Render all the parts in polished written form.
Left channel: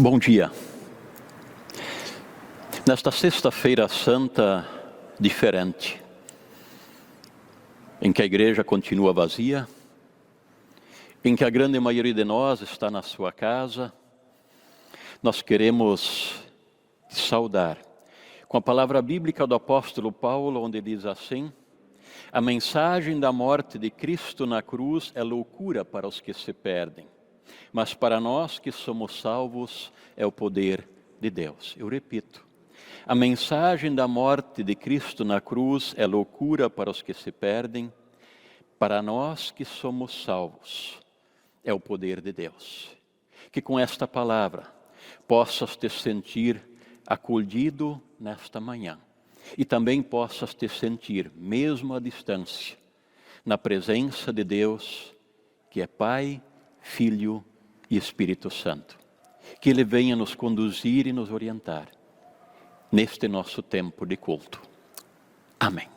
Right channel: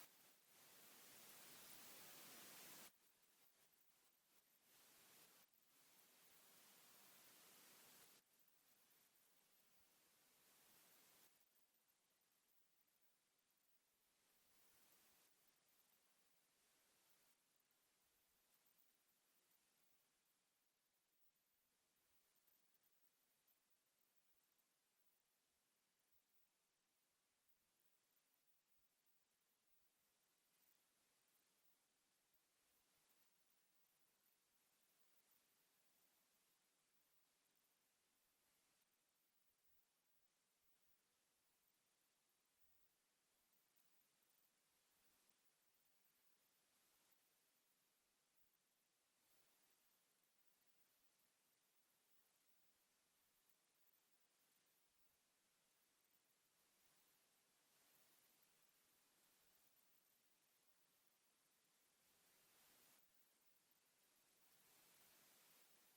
Bom dia. Nesta sexta-feira santa diferente, em que a igreja continua vazia, em que a grande maioria de nós está na sua casa, nós queremos saudar com a palavra bíblica do apóstolo Paulo, onde diz assim: a mensagem da morte de Cristo na cruz é loucura para os que se perdem, mas para nós que somos salvos é o poder de Deus. Eu repito, a mensagem da morte de Cristo na cruz é loucura para os que se perdem, para nós que somos salvos é o poder de Deus. Que com esta palavra possas te sentir acolhido nesta manhã e também possas te sentir, mesmo à distância, na presença de Deus, que é Pai, Filho e Espírito Santo. Que Ele venha nos conduzir e nos orientar neste nosso tempo de culto. Amém.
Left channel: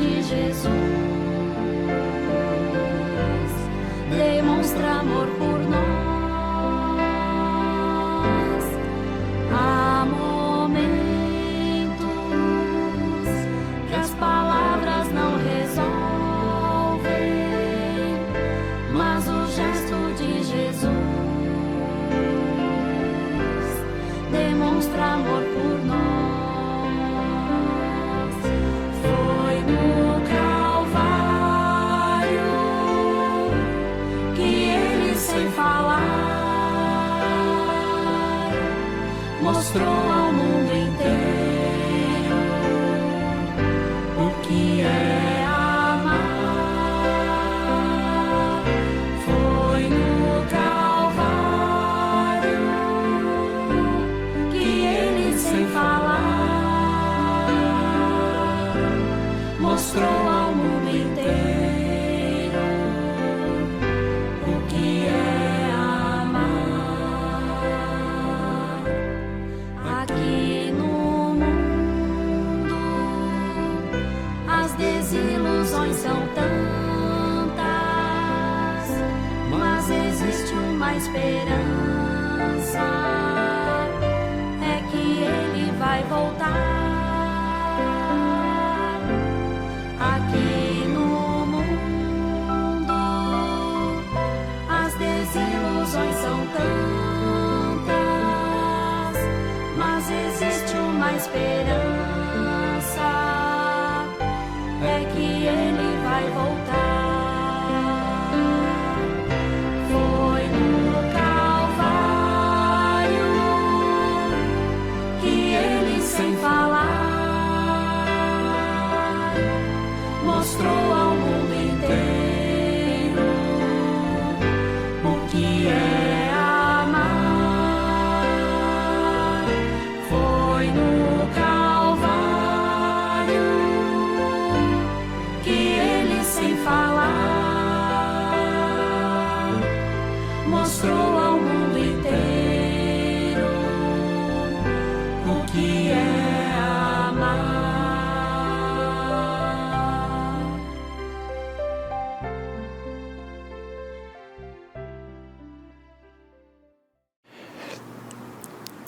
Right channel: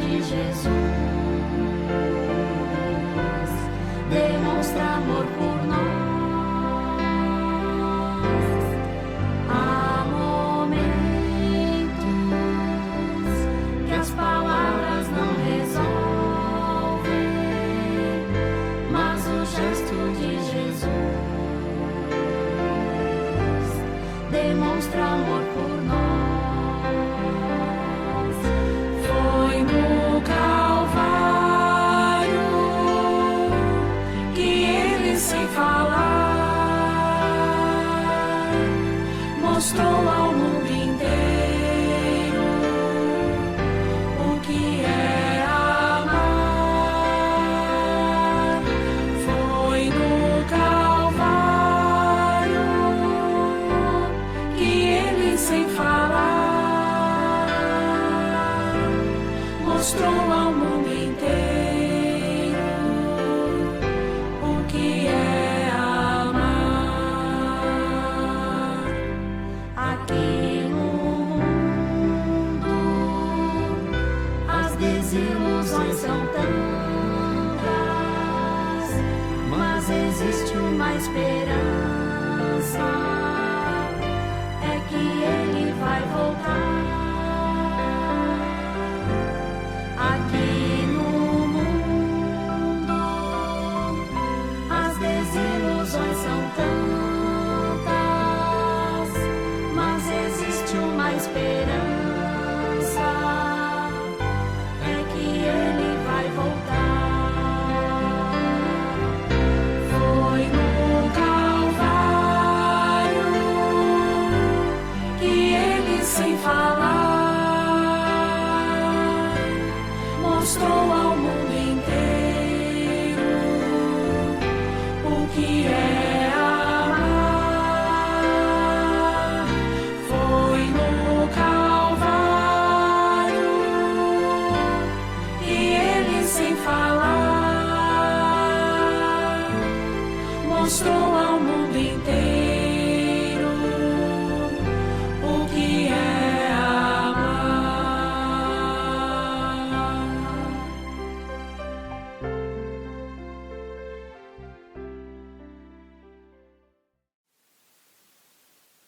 De Jesus demonstra amor por nós. Há momentos que as palavras não resolvem, mas o gesto de Jesus demonstra amor por nós. Mostrou ao mundo inteiro o que é amar. Foi no Calvário que ele, sem falar, mostrou ao mundo inteiro o que é. Aqui no mundo as desilusões são tantas, mas existe uma esperança, é que ele vai voltar. Aqui no mundo as desilusões são tantas, mas existe uma esperança, é que ele vai voltar. Foi no Calvário que ele, sem falar, mostrou ao mundo inteiro o que é. Mostrou ao mundo inteiro o que é amar.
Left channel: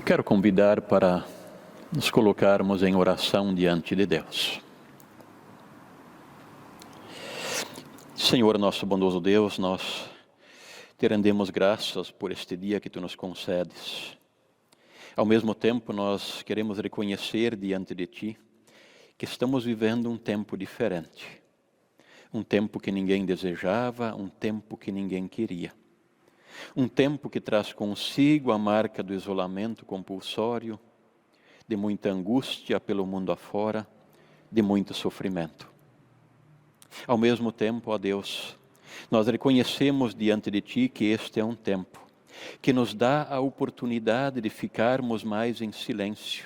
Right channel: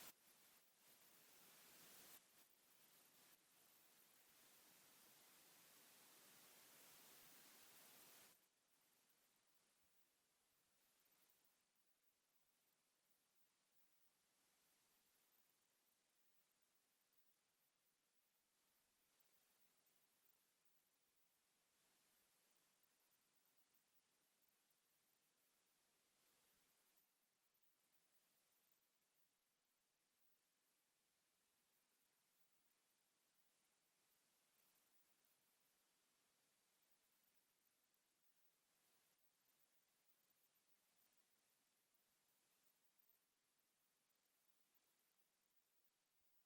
Quero convidar para nos colocarmos em oração diante de Deus. Senhor, nosso bondoso Deus, nós te rendemos graças por este dia que tu nos concedes. Ao mesmo tempo, nós queremos reconhecer diante de ti que estamos vivendo um tempo diferente. Um tempo que ninguém desejava, um tempo que ninguém queria. Um tempo que traz consigo a marca do isolamento compulsório, de muita angústia pelo mundo afora, de muito sofrimento. Ao mesmo tempo, ó Deus, Nós reconhecemos diante de Ti que este é um tempo que nos dá a oportunidade de ficarmos mais em silêncio,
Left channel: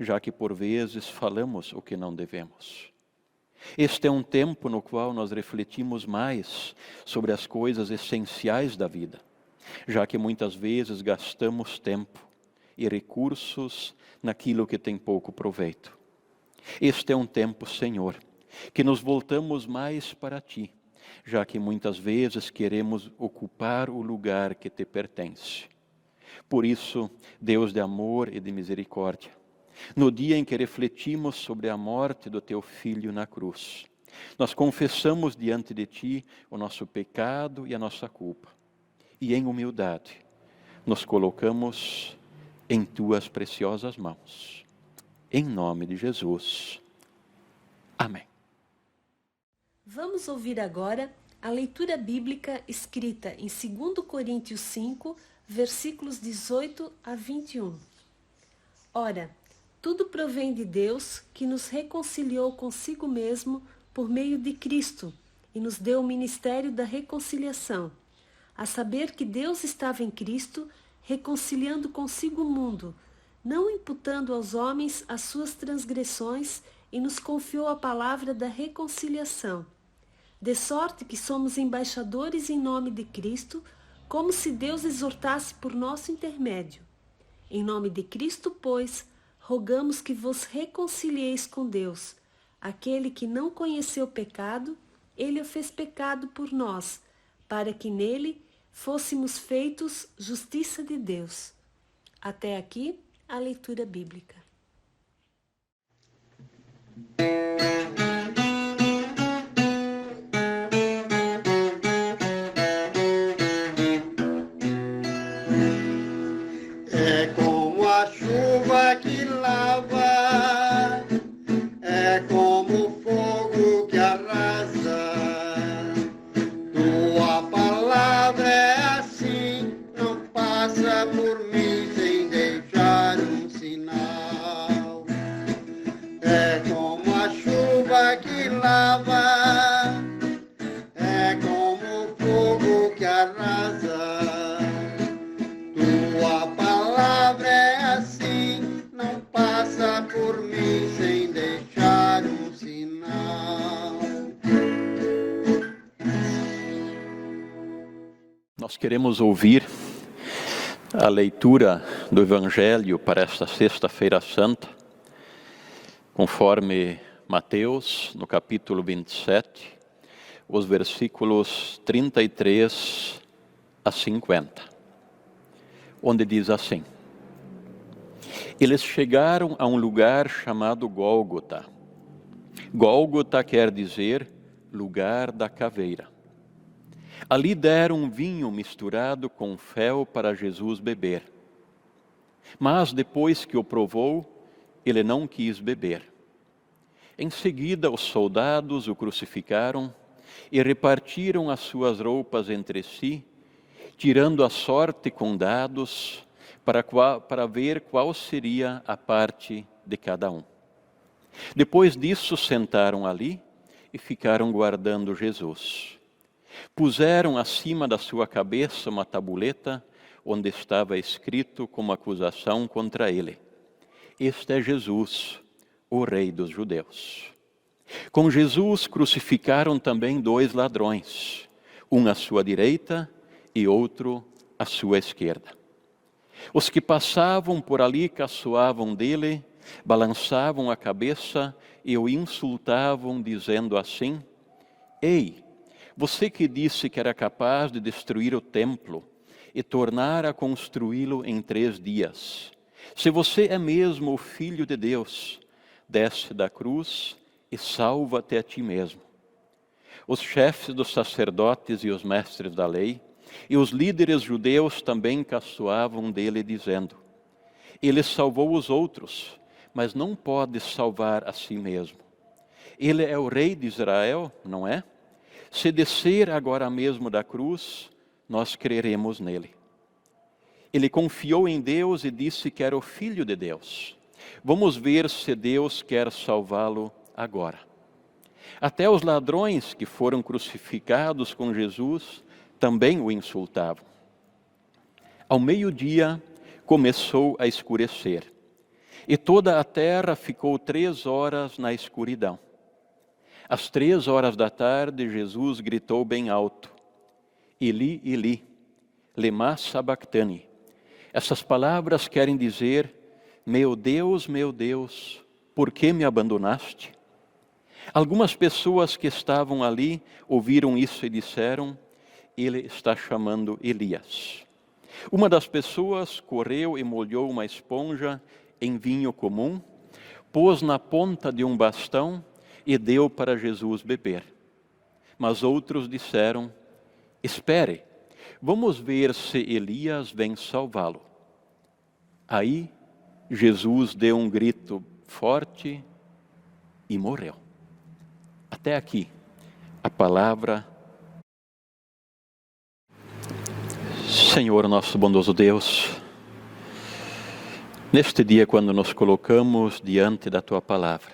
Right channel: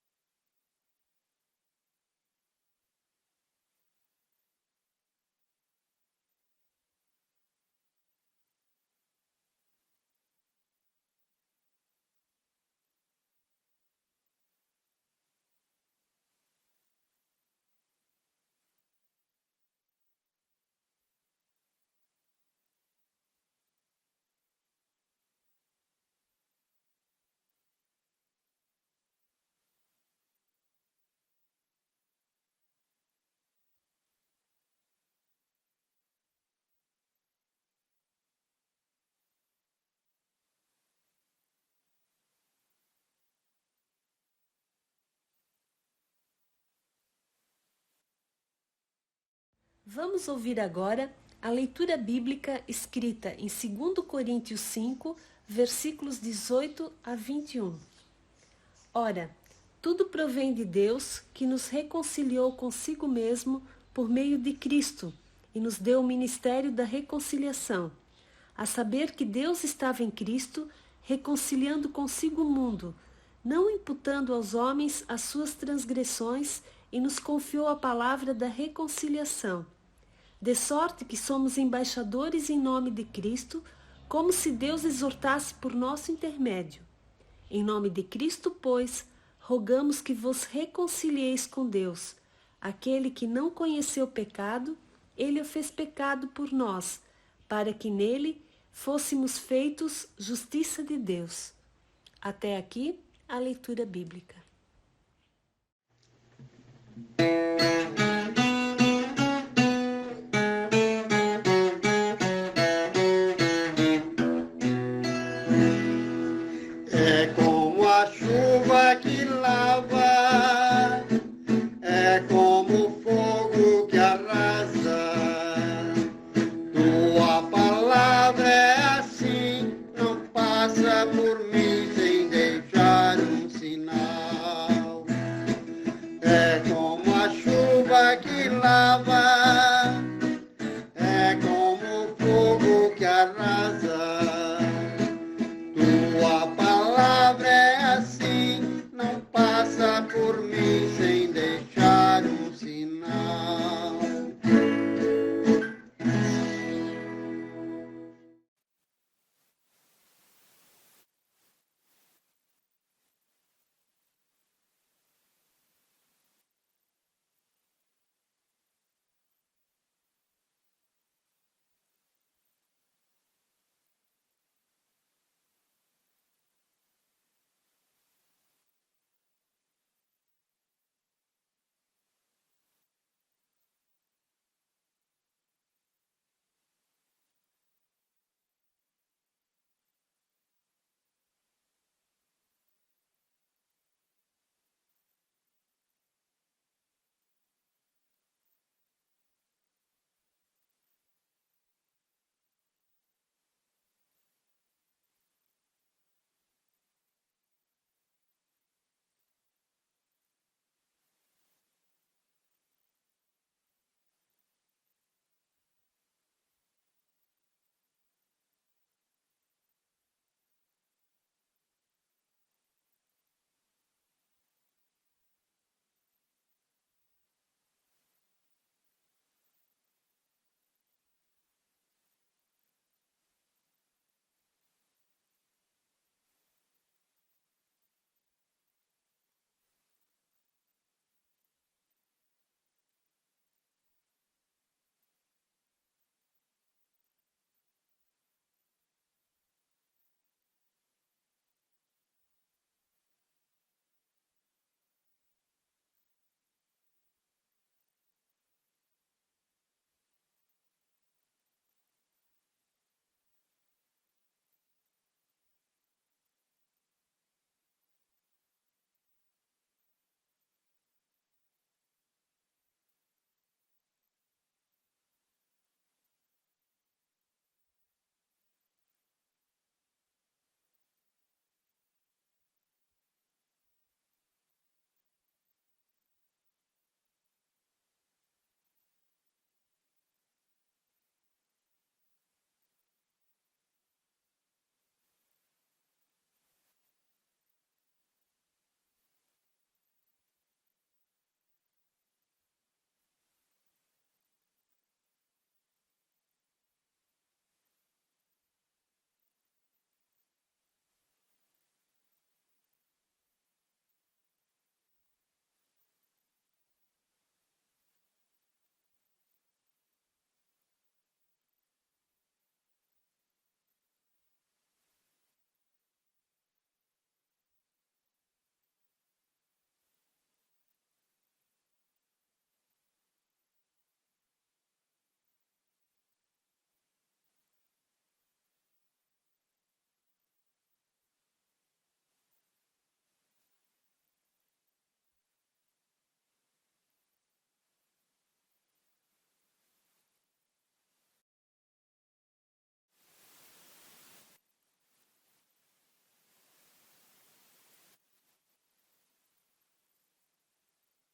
já que por vezes falamos o que não devemos. Este é um tempo no qual nós refletimos mais sobre as coisas essenciais da vida, já que muitas vezes gastamos tempo e recursos naquilo que tem pouco proveito. Este é um tempo, Senhor, que nos voltamos mais para Ti, já que muitas vezes queremos ocupar o lugar que Te pertence. Por isso, Deus de amor e de misericórdia, no dia em que refletimos sobre a morte do Teu Filho na cruz, nós confessamos diante de Ti o nosso pecado e a nossa culpa. E em humildade, nos colocamos em Tuas preciosas mãos. Em nome de Jesus. Amém. Vamos ouvir agora a leitura bíblica escrita em 2 Coríntios 5, versículos 18 a 21. Ora, tudo provém de Deus, que nos reconciliou consigo mesmo por meio de Cristo e nos deu o ministério da reconciliação, a saber que Deus estava em Cristo, reconciliando consigo o mundo, não imputando aos homens as suas transgressões, e nos confiou a palavra da reconciliação. De sorte que somos embaixadores em nome de Cristo, como se Deus exortasse por nosso intermédio. Em nome de Cristo, pois, rogamos que vos reconcilieis com Deus. Aquele que não conheceu pecado, ele o fez pecado por nós, para que nele fôssemos feitos justiça de Deus. Até aqui a leitura bíblica. É como a chuva que lava, é como o fogo que arrasa. Tua palavra é assim, não passa por mim sem deixar um sinal. É como a chuva que lava, é como o fogo que arrasa. Tua palavra é assim, não passa por mim sem deixar um sinal. Nós queremos ouvir a leitura do Evangelho para esta Sexta-feira Santa, conforme Mateus, no capítulo 27, os versículos 33 a 50, onde diz assim: Eles chegaram a um lugar chamado Gólgota. Gólgota quer dizer lugar da caveira. Ali deram um vinho misturado com fel para Jesus beber. Mas depois que o provou, ele não quis beber. Em seguida, os soldados o crucificaram e repartiram as suas roupas entre si, tirando a sorte com dados para ver qual seria a parte de cada um. Depois disso, sentaram ali e ficaram guardando Jesus. Puseram acima da sua cabeça uma tabuleta onde estava escrito como acusação contra ele: Este é Jesus, o Rei dos Judeus. Com Jesus crucificaram também 2 ladrões, um à sua direita e outro à sua esquerda. Os que passavam por ali caçoavam dele, balançavam a cabeça e o insultavam, dizendo assim: Ei, você que disse que era capaz de destruir o templo e tornar a construí-lo em 3 dias, se você é mesmo o Filho de Deus, desce da cruz e salva-te a ti mesmo. Os chefes dos sacerdotes e os mestres da lei e os líderes judeus também caçoavam dele, dizendo: Ele salvou os outros, mas não pode salvar a si mesmo. Ele é o Rei de Israel, não é? Se descer agora mesmo da cruz, nós creremos nele. Ele confiou em Deus e disse que era o Filho de Deus. Vamos ver se Deus quer salvá-lo agora. Até os ladrões que foram crucificados com Jesus também o insultavam. Ao meio-dia começou a escurecer, e toda a terra ficou 3 horas na escuridão. Às 3 horas da tarde, Jesus gritou bem alto: Eli, Eli, lema sabachthani. Essas palavras querem dizer: meu Deus, por que me abandonaste? Algumas pessoas que estavam ali ouviram isso e disseram: ele está chamando Elias. Uma das pessoas correu e molhou uma esponja em vinho comum, pôs na ponta de um bastão e deu para Jesus beber. Mas outros disseram: espere, vamos ver se Elias vem salvá-lo. Aí Jesus deu um grito forte e morreu. Até aqui, a palavra. Senhor, nosso bondoso Deus, neste dia, quando nos colocamos diante da Tua palavra,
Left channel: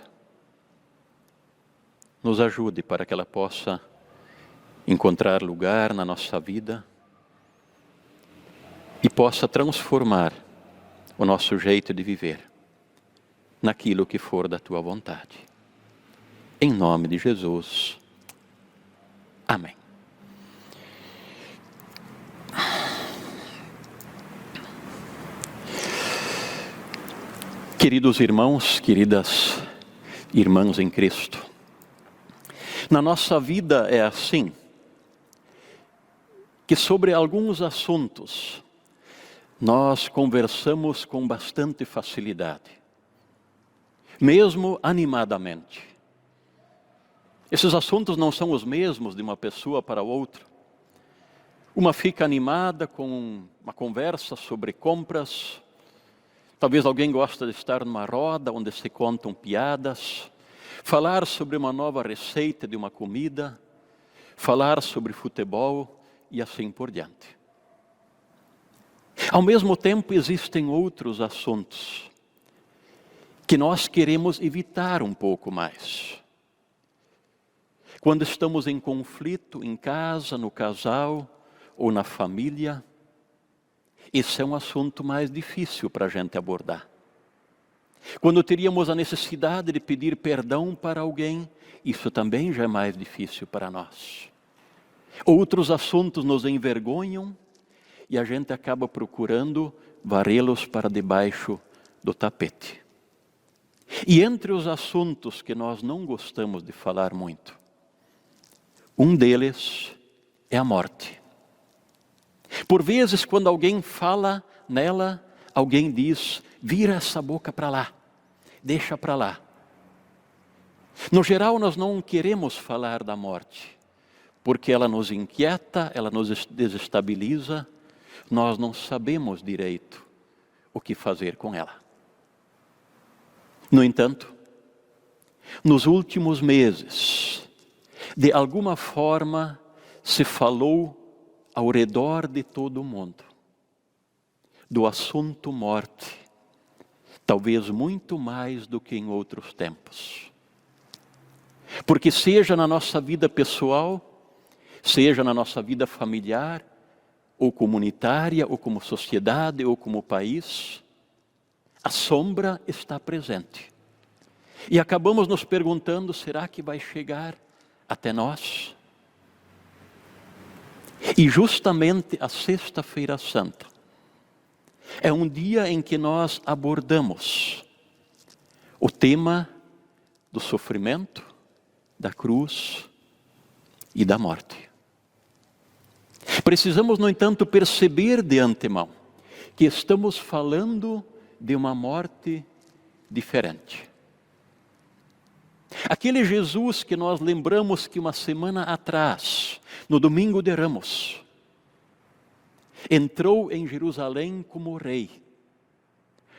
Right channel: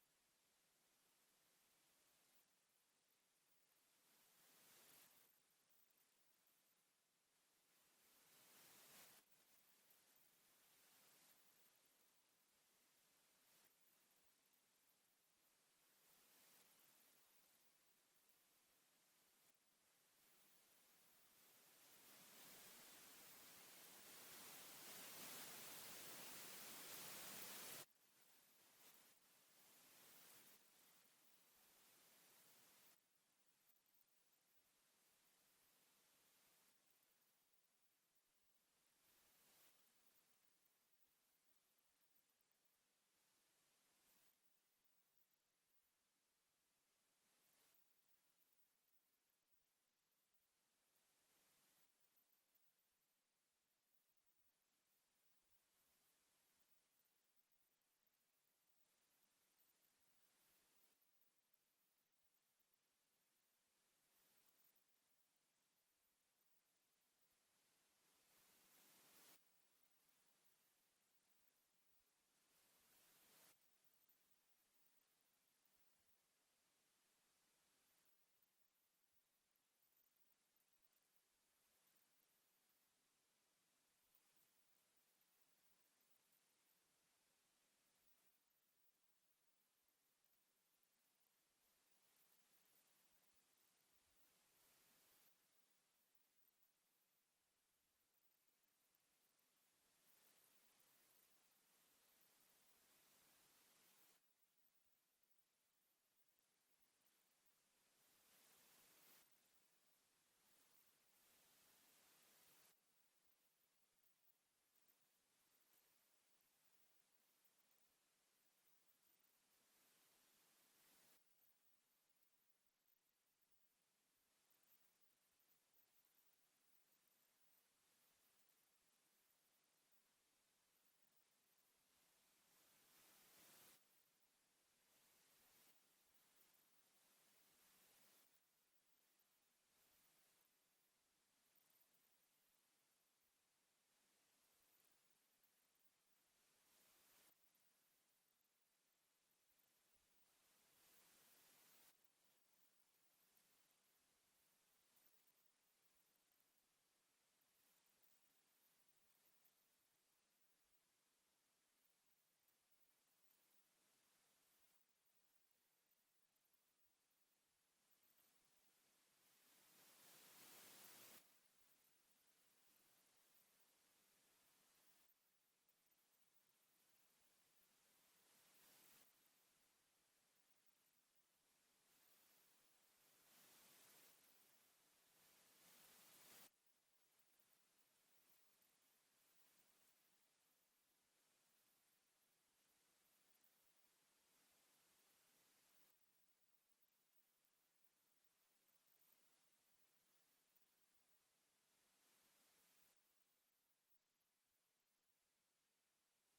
nos ajude para que ela possa encontrar lugar na nossa vida e possa transformar o nosso jeito de viver naquilo que for da Tua vontade. Em nome de Jesus. Amém. Queridos irmãos, queridas irmãs em Cristo, na nossa vida é assim, que sobre alguns assuntos nós conversamos com bastante facilidade, mesmo animadamente. Esses assuntos não são os mesmos de uma pessoa para outra. Uma fica animada com uma conversa sobre compras. Talvez alguém goste de estar numa roda onde se contam piadas, falar sobre uma nova receita de uma comida, falar sobre futebol e assim por diante. Ao mesmo tempo, existem outros assuntos que nós queremos evitar um pouco mais. Quando estamos em conflito em casa, no casal ou na família, esse é um assunto mais difícil para a gente abordar. Quando teríamos a necessidade de pedir perdão para alguém, isso também já é mais difícil para nós. Outros assuntos nos envergonham e a gente acaba procurando varrê-los para debaixo do tapete. E entre os assuntos que nós não gostamos de falar muito, um deles é a morte. Por vezes, quando alguém fala nela, alguém diz: vira essa boca para lá, deixa para lá. No geral, nós não queremos falar da morte, porque ela nos inquieta, ela nos desestabiliza, nós não sabemos direito o que fazer com ela. No entanto, nos últimos meses, de alguma forma, se falou ao redor de todo o mundo do assunto morte, talvez muito mais do que em outros tempos. Porque seja na nossa vida pessoal, seja na nossa vida familiar, ou comunitária, ou como sociedade, ou como país, a sombra está presente. E acabamos nos perguntando: será que vai chegar até nós? E justamente a Sexta-feira Santa é um dia em que nós abordamos o tema do sofrimento, da cruz e da morte. Precisamos, no entanto, perceber de antemão que estamos falando de uma morte diferente. Aquele Jesus que nós lembramos que uma semana atrás, no domingo de Ramos, entrou em Jerusalém como rei,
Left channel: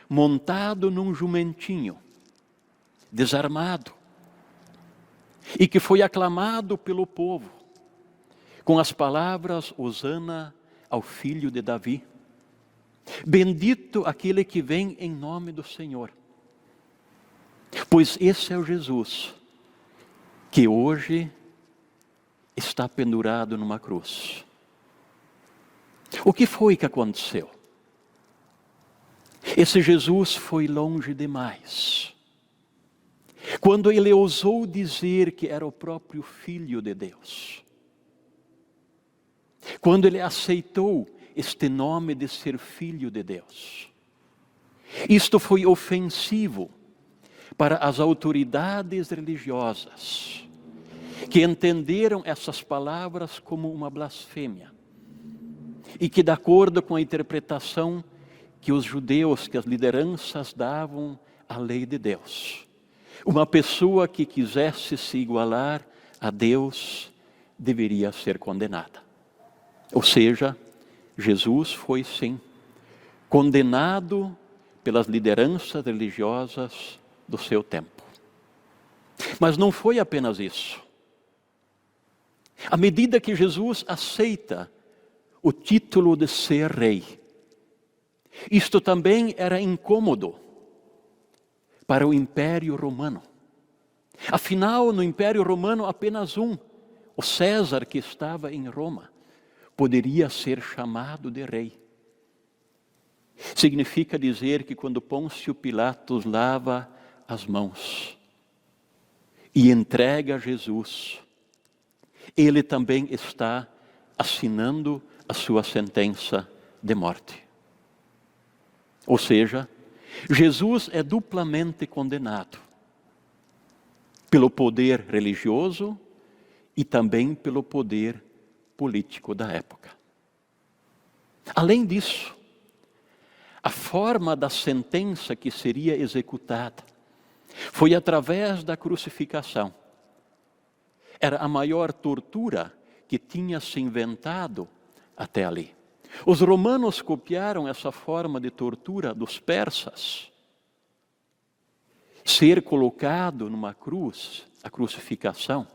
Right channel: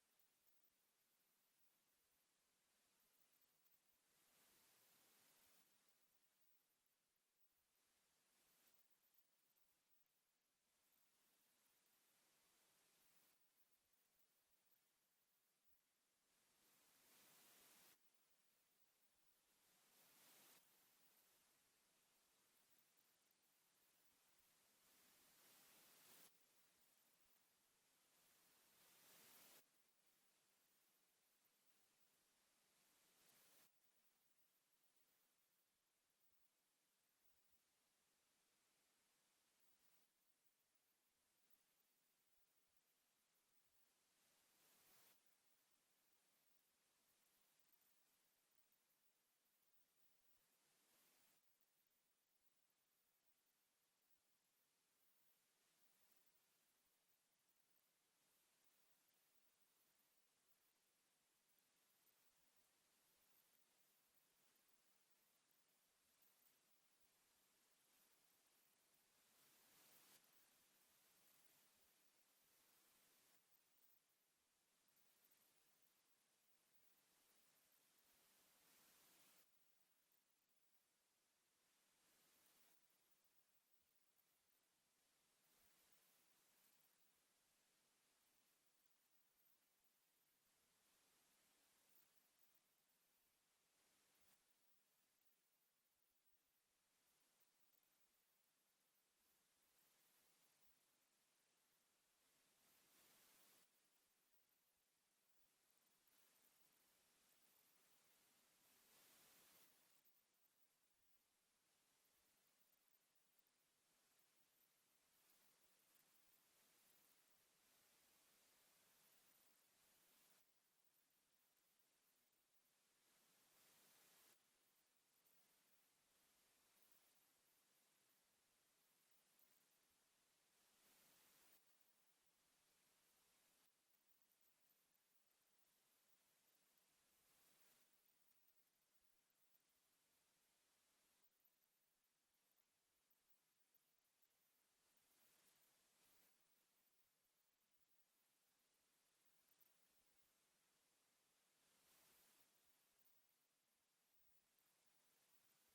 montado num jumentinho, desarmado, e que foi aclamado pelo povo com as palavras: Hosana ao filho de Davi. Bendito aquele que vem em nome do Senhor. Pois esse é o Jesus que hoje está pendurado numa cruz. O que foi que aconteceu? Esse Jesus foi longe demais. Quando ele ousou dizer que era o próprio Filho de Deus. Quando ele aceitou este nome de ser Filho de Deus. Isto foi ofensivo para as autoridades religiosas, que entenderam essas palavras como uma blasfêmia. E que, de acordo com a interpretação que os judeus, que as lideranças davam à lei de Deus, uma pessoa que quisesse se igualar a Deus deveria ser condenada. Ou seja, Jesus foi sim condenado pelas lideranças religiosas do seu tempo. Mas não foi apenas isso. À medida que Jesus aceita o título de ser rei, isto também era incômodo para o Império Romano. Afinal, no Império Romano, apenas um, o César, que estava em Roma, poderia ser chamado de rei. Significa dizer que quando Pôncio Pilatos lava as mãos e entrega Jesus, ele também está assinando a sua sentença de morte. Ou seja, Jesus é duplamente condenado pelo poder religioso e também pelo poder político da época. Além disso, a forma da sentença que seria executada foi através da crucificação. Era a maior tortura que tinha se inventado até ali. Os romanos copiaram essa forma de tortura dos persas. Ser colocado numa cruz, a crucificação,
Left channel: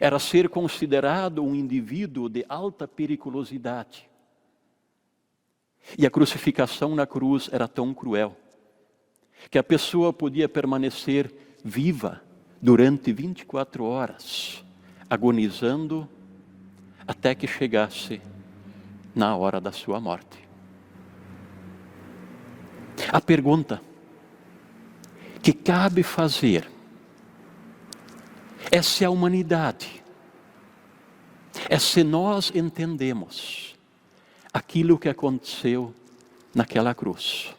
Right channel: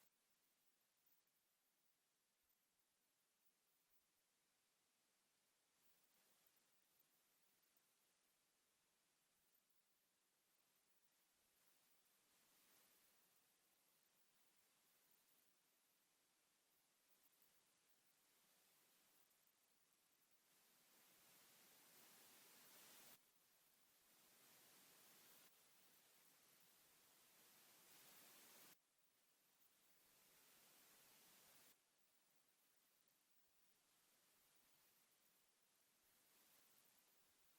era ser considerado um indivíduo de alta periculosidade. E a crucificação na cruz era tão cruel que a pessoa podia permanecer viva durante 24 horas, agonizando até que chegasse na hora da sua morte. A pergunta que cabe fazer é se a humanidade, é se nós entendemos aquilo que aconteceu naquela cruz.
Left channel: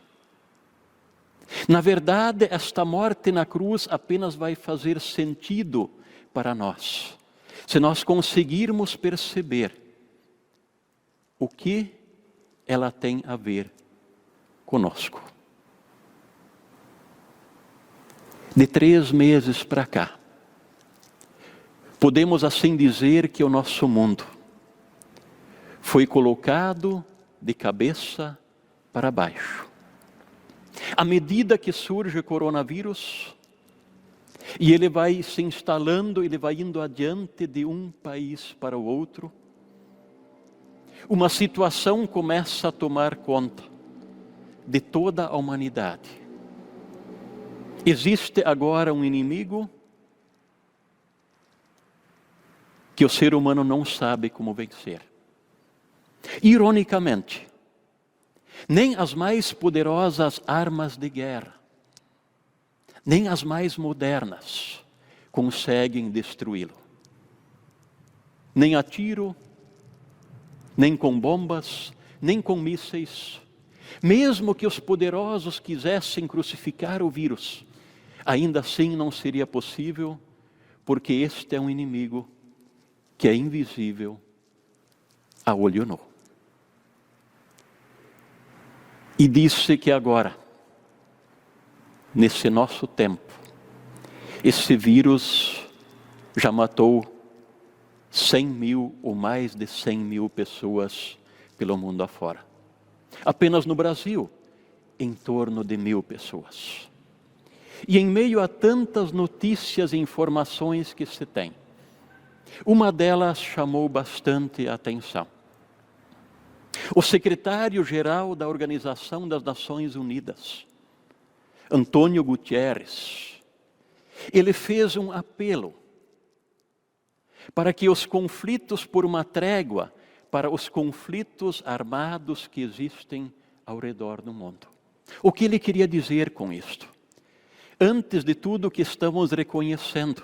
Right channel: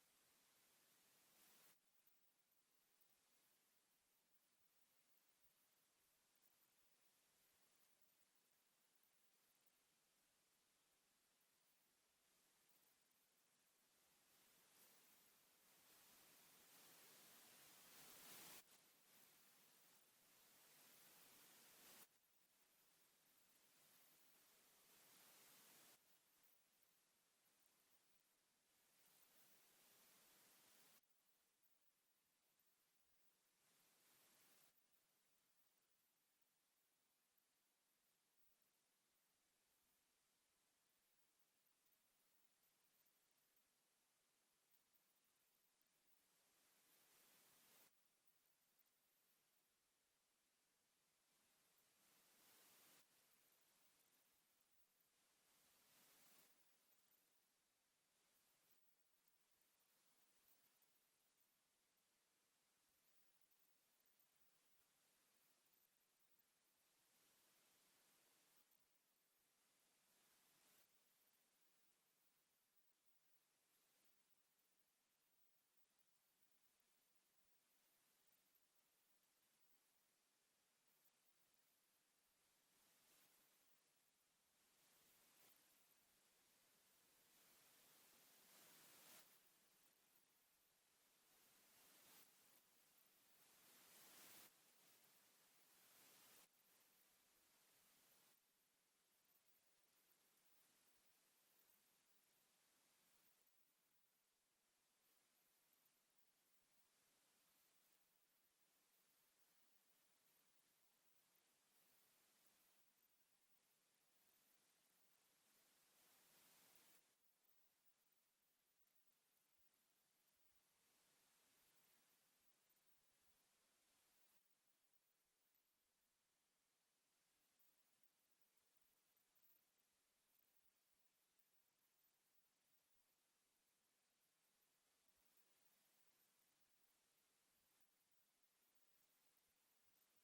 Na verdade, esta morte na cruz apenas vai fazer sentido para nós, se nós conseguirmos perceber o que ela tem a ver conosco. De 3 meses para cá, podemos assim dizer que o nosso mundo foi colocado de cabeça para baixo. À medida que surge o coronavírus, e ele vai se instalando, ele vai indo adiante de um país para o outro, uma situação começa a tomar conta de toda a humanidade. Existe agora um inimigo que o ser humano não sabe como vencer. Ironicamente, nem as mais poderosas armas de guerra, nem as mais modernas conseguem destruí-lo. Nem a tiro, nem com bombas, nem com mísseis. Mesmo que os poderosos quisessem crucificar o vírus, ainda assim não seria possível, porque este é um inimigo que é invisível a olho nu. E disse que agora, nesse nosso tempo, esse vírus já matou 100.000 ou mais de 100.000 pessoas pelo mundo afora. Apenas no Brasil, em torno de 1.000 pessoas. E em meio a tantas notícias e informações que se tem, uma delas chamou bastante a atenção. O secretário-geral da Organização das Nações Unidas, Antônio Guterres, ele fez um apelo para que os conflitos por uma trégua, para os conflitos armados que existem ao redor do mundo. O que ele queria dizer com isto? Antes de tudo, que estamos reconhecendo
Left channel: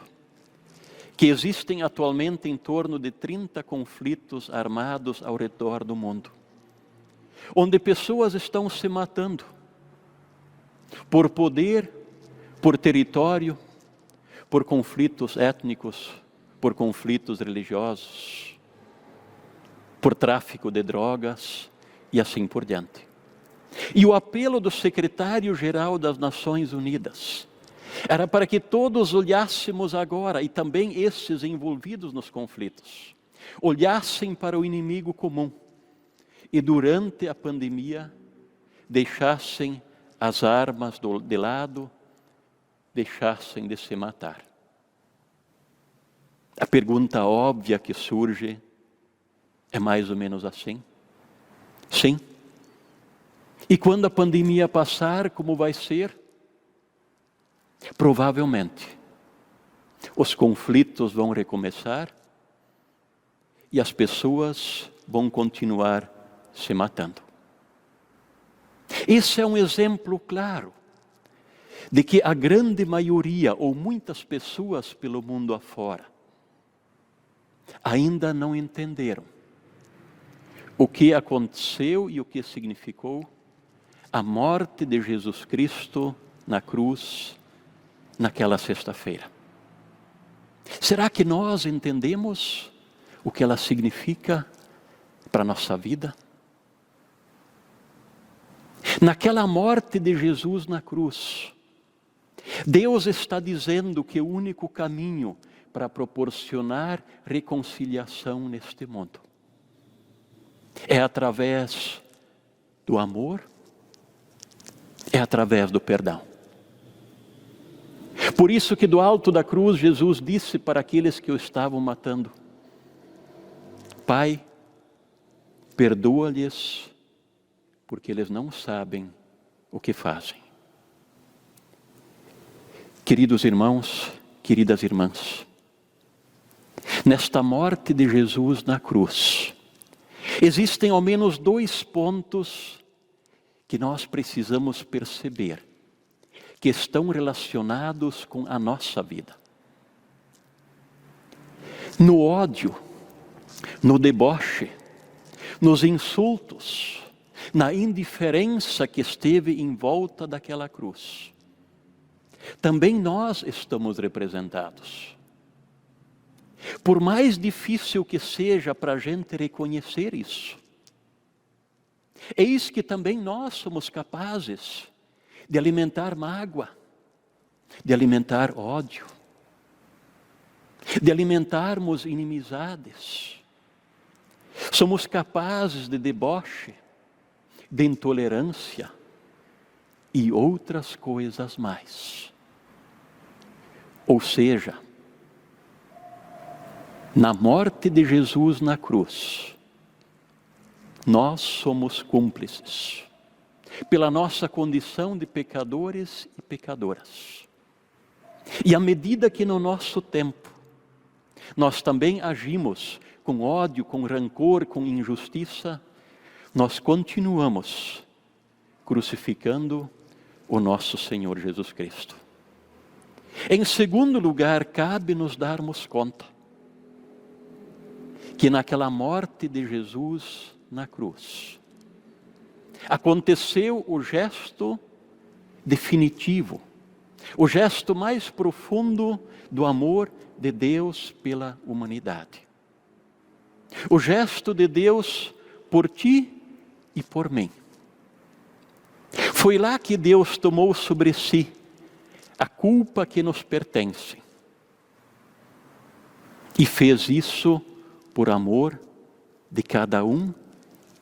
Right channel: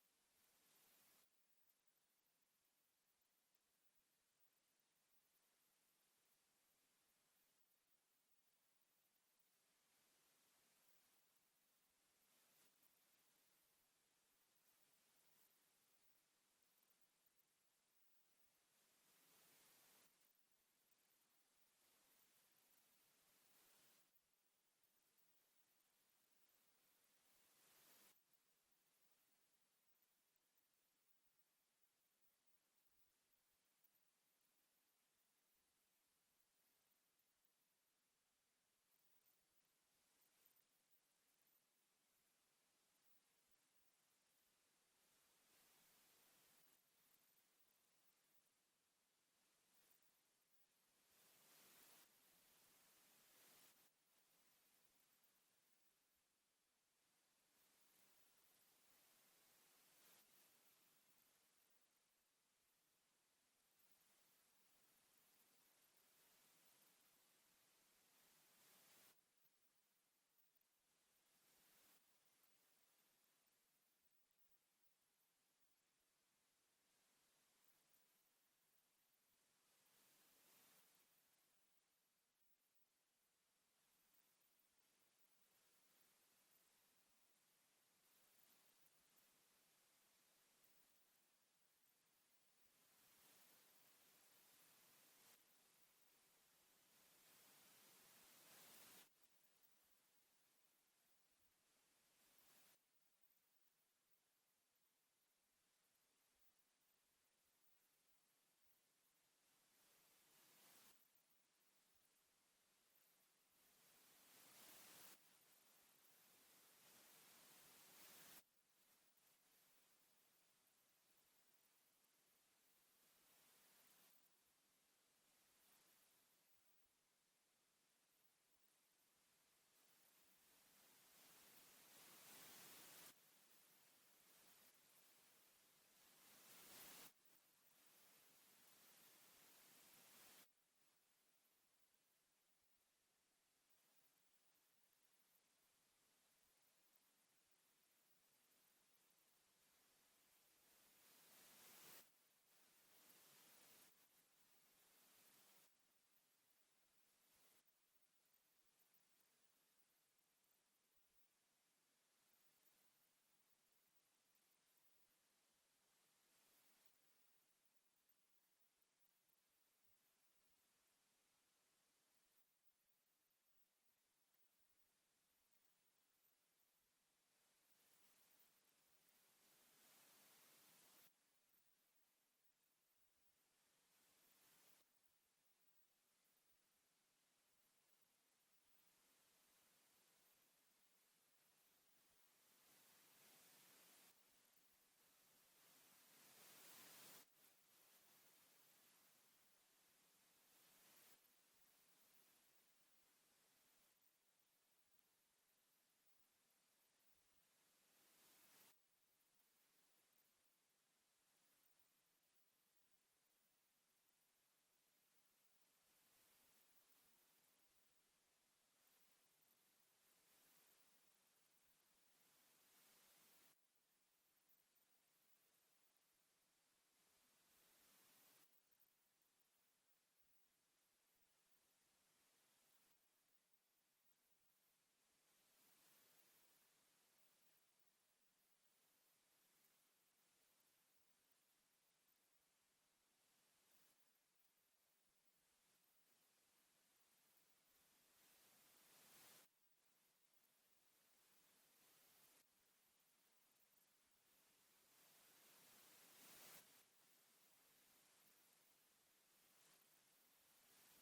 que existem atualmente em torno de 30 conflitos armados ao redor do mundo, onde pessoas estão se matando por poder, por território, por conflitos étnicos, por conflitos religiosos, por tráfico de drogas e assim por diante. E o apelo do secretário-geral das Nações Unidas era para que todos olhássemos agora, e também esses envolvidos nos conflitos, olhassem para o inimigo comum e durante a pandemia deixassem as armas de lado, deixassem de se matar. A pergunta óbvia que surge é mais ou menos assim. Sim. E quando a pandemia passar, como vai ser? Provavelmente, os conflitos vão recomeçar e as pessoas vão continuar se matando. Esse é um exemplo claro de que a grande maioria, ou muitas pessoas pelo mundo afora, ainda não entenderam o que aconteceu e o que significou a morte de Jesus Cristo na cruz naquela sexta-feira. Será que nós entendemos o que ela significa para a nossa vida? Naquela morte de Jesus na cruz, Deus está dizendo que o único caminho para proporcionar reconciliação neste mundo é através do amor, é através do perdão. Por isso que do alto da cruz Jesus disse para aqueles que o estavam matando: Pai, perdoa-lhes, porque eles não sabem o que fazem. Queridos irmãos, queridas irmãs, nesta morte de Jesus na cruz, existem ao menos 2 pontos que nós precisamos perceber, que estão relacionados com a nossa vida. No ódio, no deboche, nos insultos, na indiferença que esteve em volta daquela cruz, também nós estamos representados. Por mais difícil que seja para a gente reconhecer isso, eis que também nós somos capazes de alimentar mágoa, de alimentar ódio, de alimentarmos inimizades. Somos capazes de deboche, de intolerância e outras coisas mais. Ou seja, na morte de Jesus na cruz, nós somos cúmplices, pela nossa condição de pecadores e pecadoras. E à medida que no nosso tempo, nós também agimos com ódio, com rancor, com injustiça, nós continuamos crucificando o nosso Senhor Jesus Cristo. Em segundo lugar, cabe nos darmos conta que naquela morte de Jesus na cruz, aconteceu o gesto definitivo, o gesto mais profundo do amor de Deus pela humanidade. O gesto de Deus por ti e por mim. Foi lá que Deus tomou sobre si a culpa que nos pertence. E fez isso por amor de cada um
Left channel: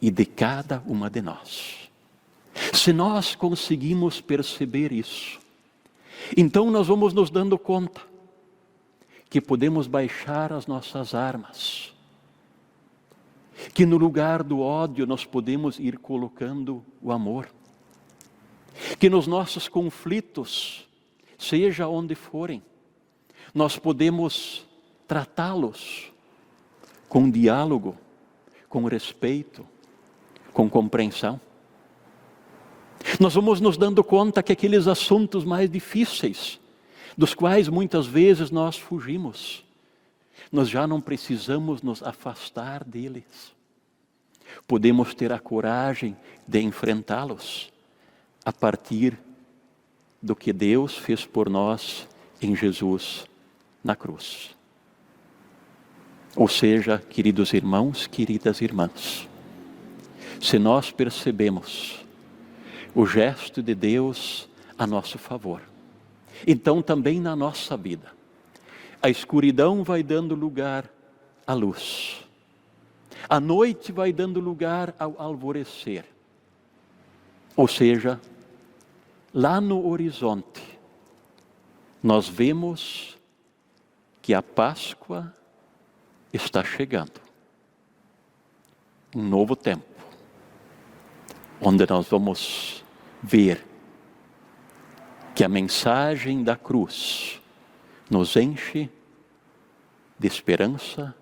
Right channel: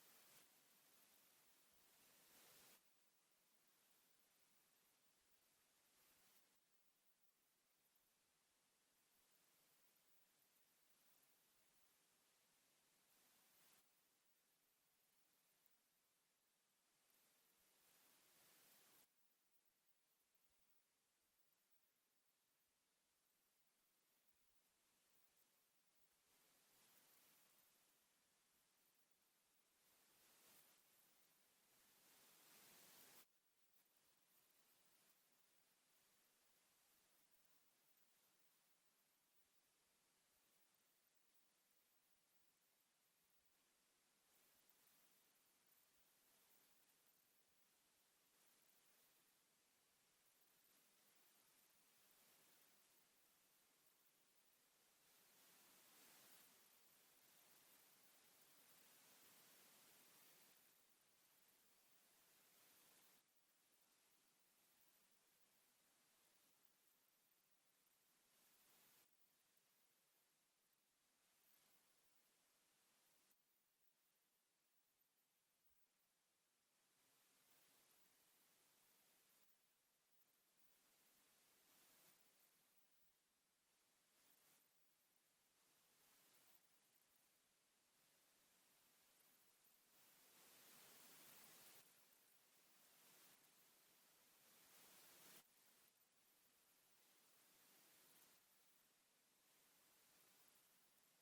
e de cada uma de nós. Se nós conseguimos perceber isso, então nós vamos nos dando conta que podemos baixar as nossas armas, que no lugar do ódio nós podemos ir colocando o amor, que nos nossos conflitos, seja onde forem, nós podemos tratá-los com diálogo, com respeito, com compreensão. Nós vamos nos dando conta que aqueles assuntos mais difíceis, dos quais muitas vezes nós fugimos, nós já não precisamos nos afastar deles. Podemos ter a coragem de enfrentá-los a partir do que Deus fez por nós em Jesus na cruz. Ou seja, queridos irmãos, queridas irmãs, se nós percebemos o gesto de Deus a nosso favor, então também na nossa vida, a escuridão vai dando lugar à luz, a noite vai dando lugar ao alvorecer. Ou seja, lá no horizonte, nós vemos que a Páscoa está chegando. Um novo tempo, onde nós vamos ver que a mensagem da cruz nos enche de esperança,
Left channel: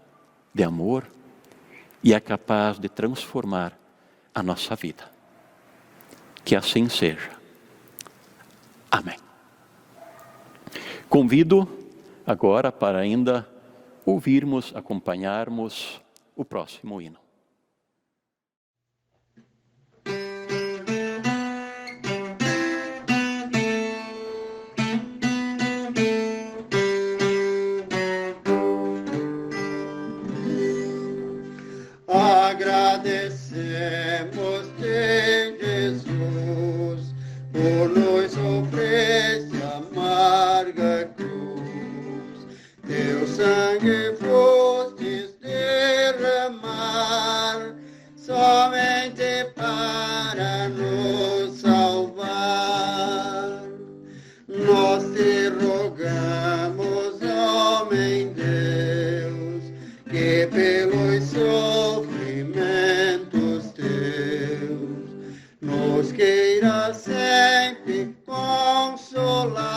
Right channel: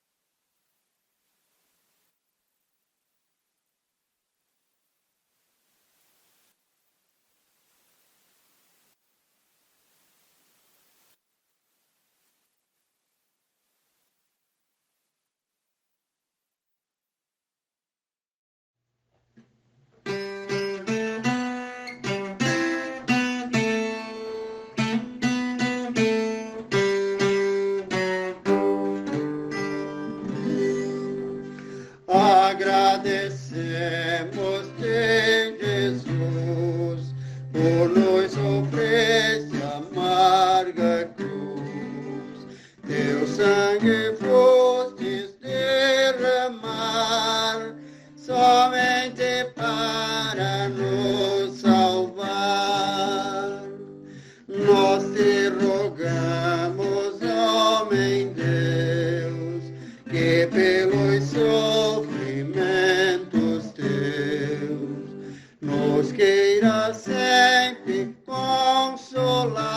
de amor e é capaz de transformar a nossa vida. Que assim seja. Amém. Convido agora para ainda ouvirmos, acompanharmos o próximo hino. Agradecemos-te, Jesus, por nos oferecer amarga cruz. Teu sangue fostes derramar, somente para nos salvar. Nós te rogamos, homem Deus, que pelos sofrimentos teus nos queira sempre consolar,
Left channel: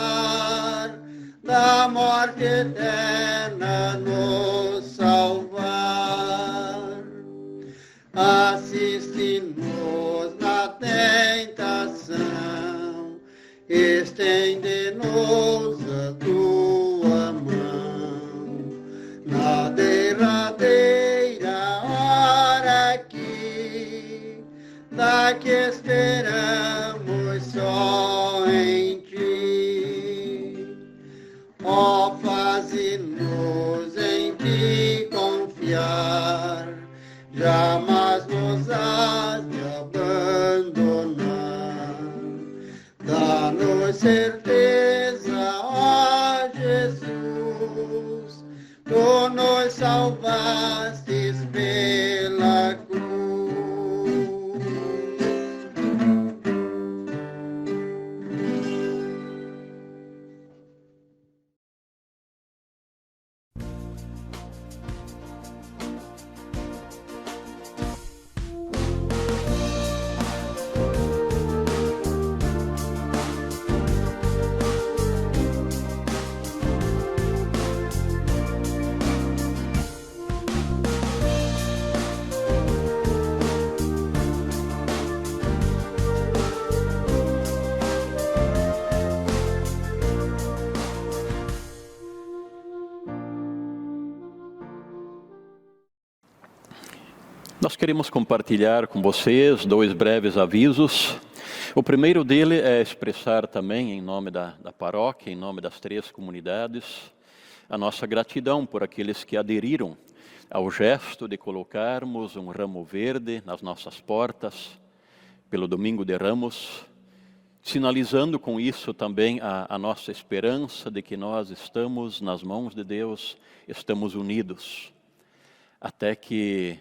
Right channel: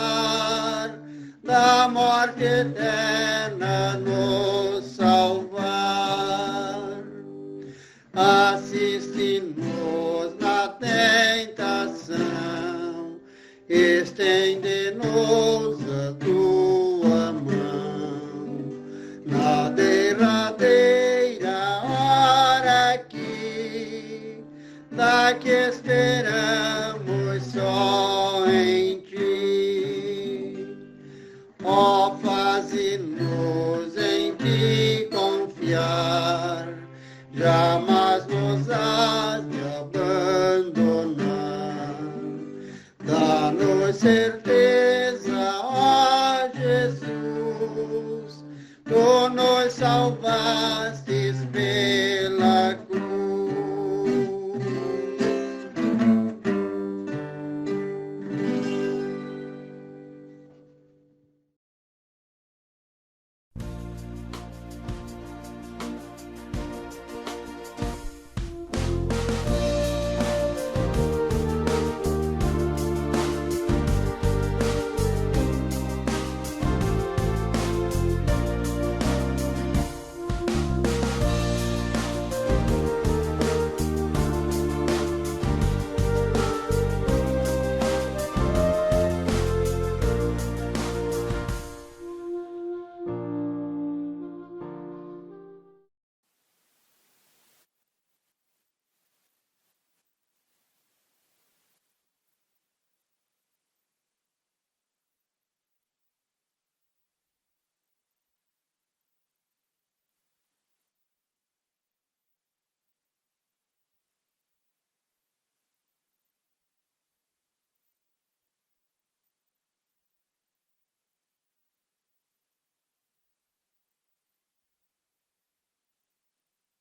da morte eterna nos salvar. Assiste-nos na tentação, estende-nos a tua mão, na derradeira hora aqui, da que esperamos só em ti. Ó, faze-nos em ti confiar, jamais nos has de abandonar. Dá-nos certeza, ó Jesus, tu nos salvastes pela cruz. Nós queremos compartilhar com vocês 2 breves avisos. O primeiro dele é expressar também, em nome da paróquia, em nome das 3 comunidades, a nossa gratidão por aqueles que aderiram ao gesto de colocarmos um ramo verde nas nossas portas, pelo Domingo de Ramos, sinalizando com isso também a nossa esperança de que nós estamos nas mãos de Deus, estamos unidos, até que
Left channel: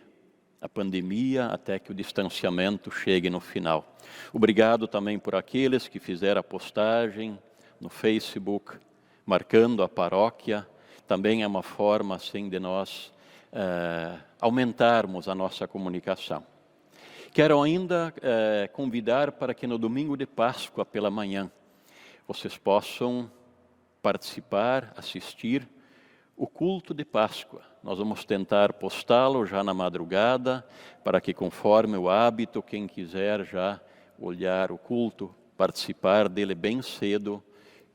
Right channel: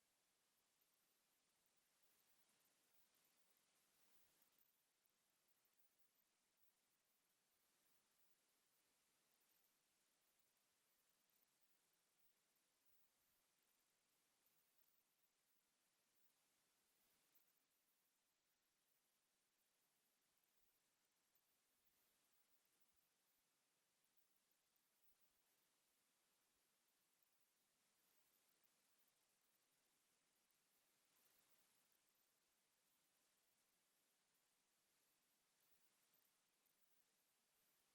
a pandemia, até que o distanciamento chegue no final. Obrigado também por aqueles que fizeram a postagem no Facebook, marcando a paróquia. Também é uma forma assim de nós aumentarmos a nossa comunicação. Quero ainda convidar para que no domingo de Páscoa pela manhã vocês possam participar, assistir o culto de Páscoa. Nós vamos tentar postá-lo já na madrugada, para que conforme o hábito, quem quiser já olhar o culto, participar dele bem cedo,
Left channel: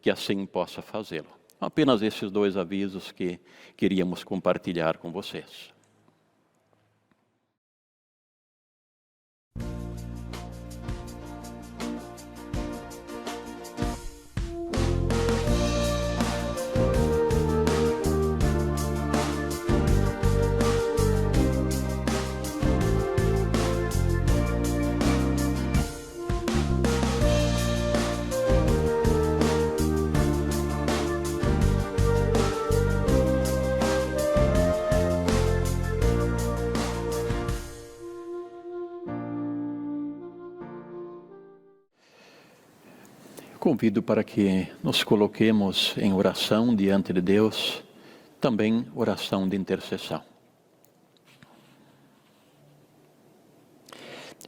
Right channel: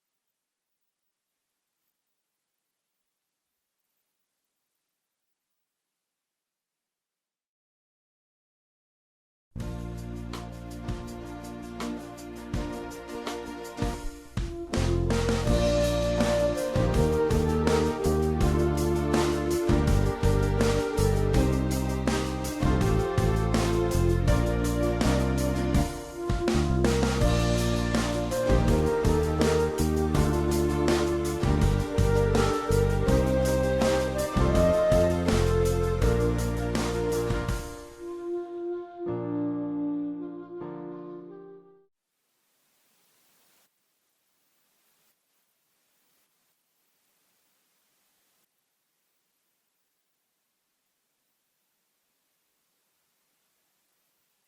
que assim possa fazê-lo. Apenas esses 2 avisos que queríamos compartilhar com vocês. Convido para que nos coloquemos em oração diante de Deus, também oração de intercessão.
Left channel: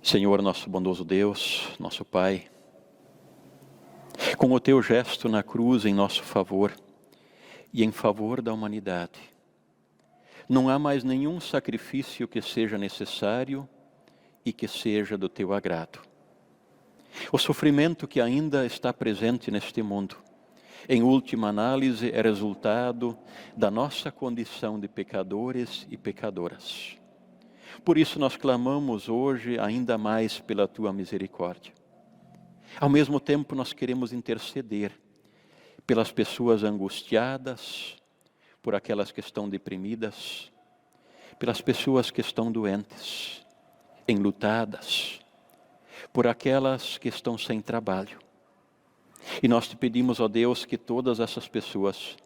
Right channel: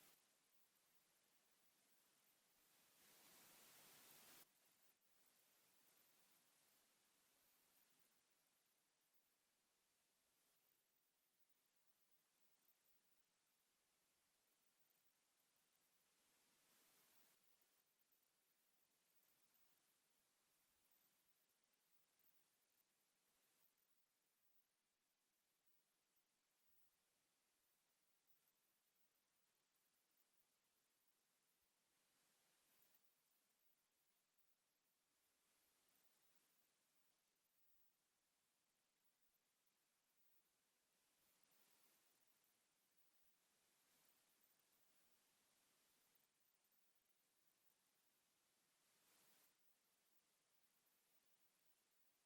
Senhor, nosso bondoso Deus, nosso Pai, com o teu gesto na cruz em nosso favor e em favor da humanidade, não há mais nenhum sacrifício que seja necessário e que seja do teu agrado. O sofrimento que ainda está presente neste mundo, em última análise, é resultado da nossa condição de pecadores e pecadoras. Por isso nós clamamos hoje ainda mais pela tua misericórdia. Ao mesmo tempo nós queremos interceder pelas pessoas angustiadas, por aquelas que estão deprimidas, pelas pessoas que estão doentes, enlutadas, por aquelas que estão sem trabalho. E nós te pedimos, ó Deus, que todas essas pessoas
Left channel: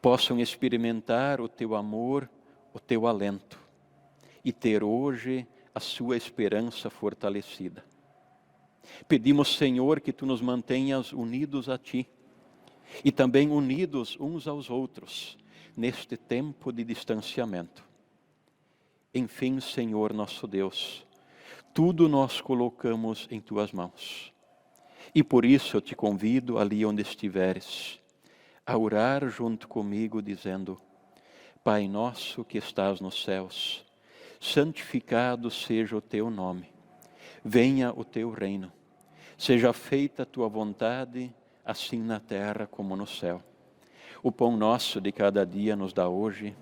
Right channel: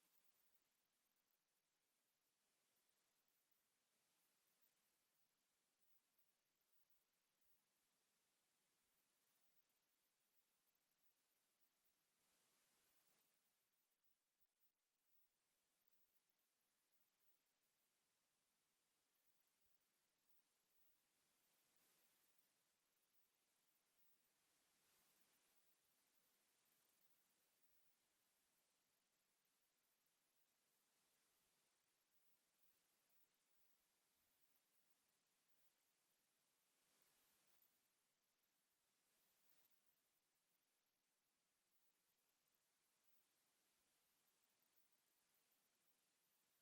possam experimentar o teu amor, o teu alento, e ter hoje a sua esperança fortalecida. Pedimos, Senhor, que tu nos mantenhas unidos a ti, e também unidos uns aos outros, neste tempo de distanciamento. Enfim, Senhor nosso Deus, tudo nós colocamos em tuas mãos. E por isso eu te convido, ali onde estiveres, a orar junto comigo, dizendo: Pai nosso que estás nos céus, santificado seja o teu nome. Venha o teu reino. Seja feita a tua vontade, assim na terra como no céu. O pão nosso de cada dia nos dá hoje,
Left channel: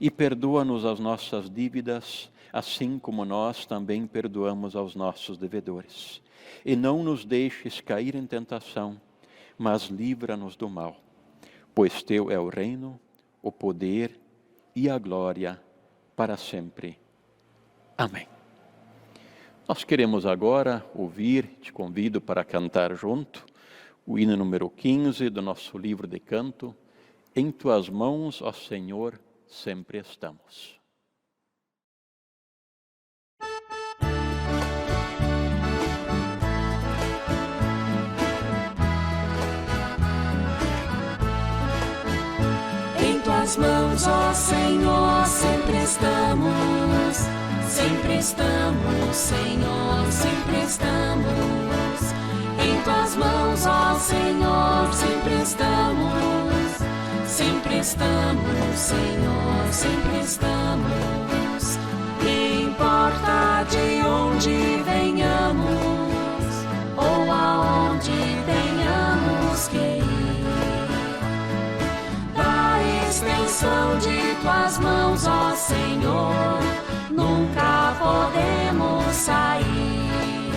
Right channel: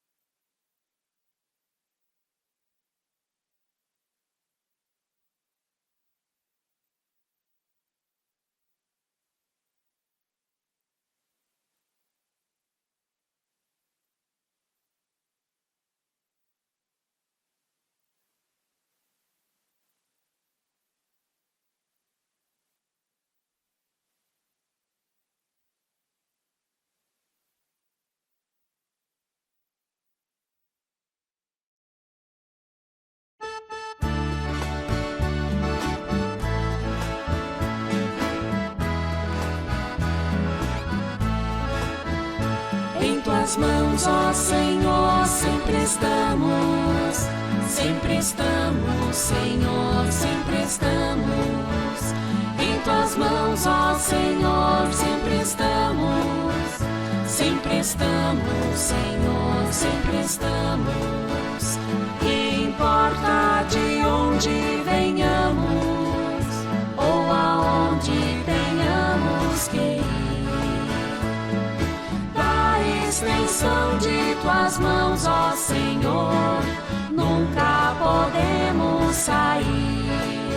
e perdoa-nos as nossas dívidas, assim como nós também perdoamos aos nossos devedores. E não nos deixes cair em tentação, mas livra-nos do mal. Pois teu é o reino, o poder e a glória para sempre. Amém. Nós queremos agora ouvir, te convido para cantar junto, o hino número 15 do nosso livro de canto, Em tuas mãos, ó Senhor, sempre estamos. Em tuas mãos, ó Senhor, sempre estamos. Sempre estamos, Senhor, sempre estamos. Em tuas mãos, ó Senhor, sempre estamos. Sempre estamos, Senhor, sempre estamos. Que importa de onde venhamos ou aonde tenhamos que ir, da extensão de tuas mãos, ó Senhor, nunca podemos sair.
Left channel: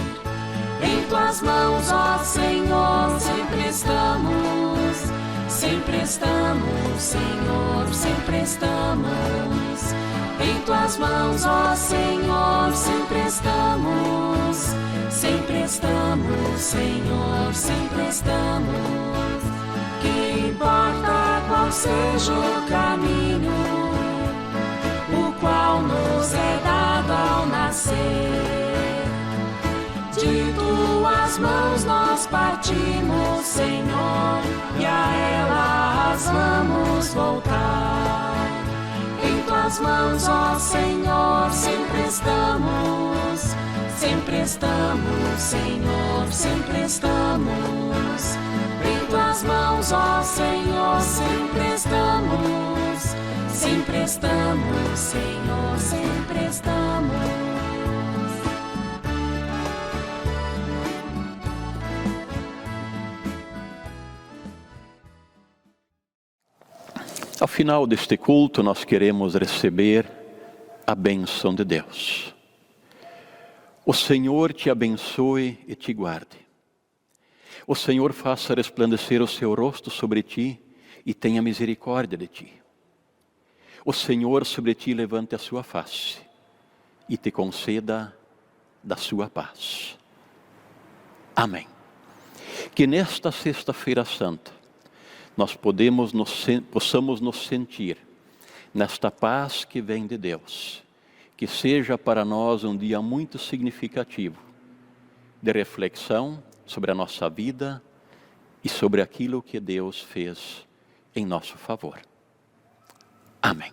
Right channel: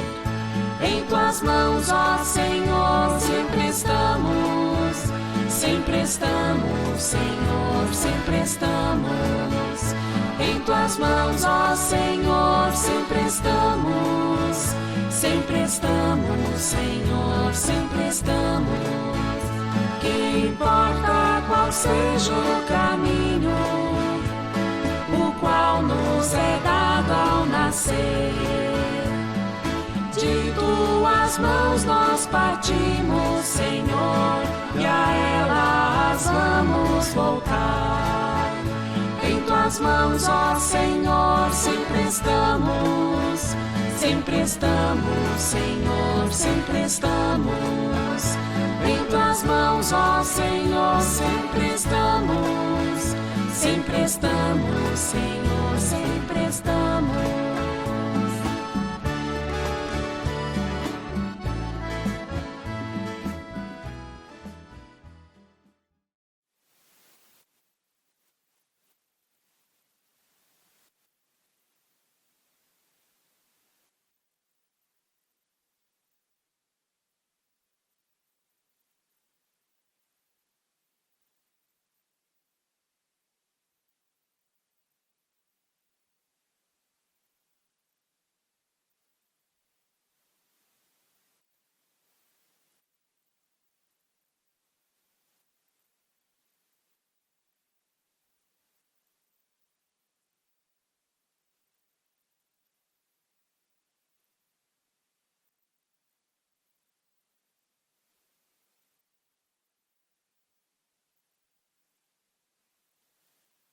Em tuas mãos, ó Senhor, sempre estamos. Sempre estamos, Senhor, sempre estamos. Em tuas mãos, ó Senhor, sempre estamos. Sempre estamos, Senhor, sempre estamos. Que importa qual seja o caminho, o qual nos é dado ao nascer. De tuas mãos nós partimos, Senhor, e a elas vamos voltar. Em tuas mãos, ó Senhor, sempre estamos. Sempre estamos, Senhor, sempre estamos. Em tuas mãos, ó Senhor, sempre estamos. Sempre estamos, Senhor, sempre estamos. Ao final deste culto, nós queremos receber a bênção de Deus. O Senhor te abençoe e te guarde. O Senhor faça resplandecer o seu rosto sobre ti e tenha misericórdia de ti. O Senhor sobre ti levante a sua face e te conceda da sua paz. Amém. Que nesta sexta-feira santa, nós possamos nos sentir nesta paz que vem de Deus. Que seja para nós um dia muito significativo de reflexão sobre a nossa vida e sobre aquilo que Deus fez em nosso favor. Amém.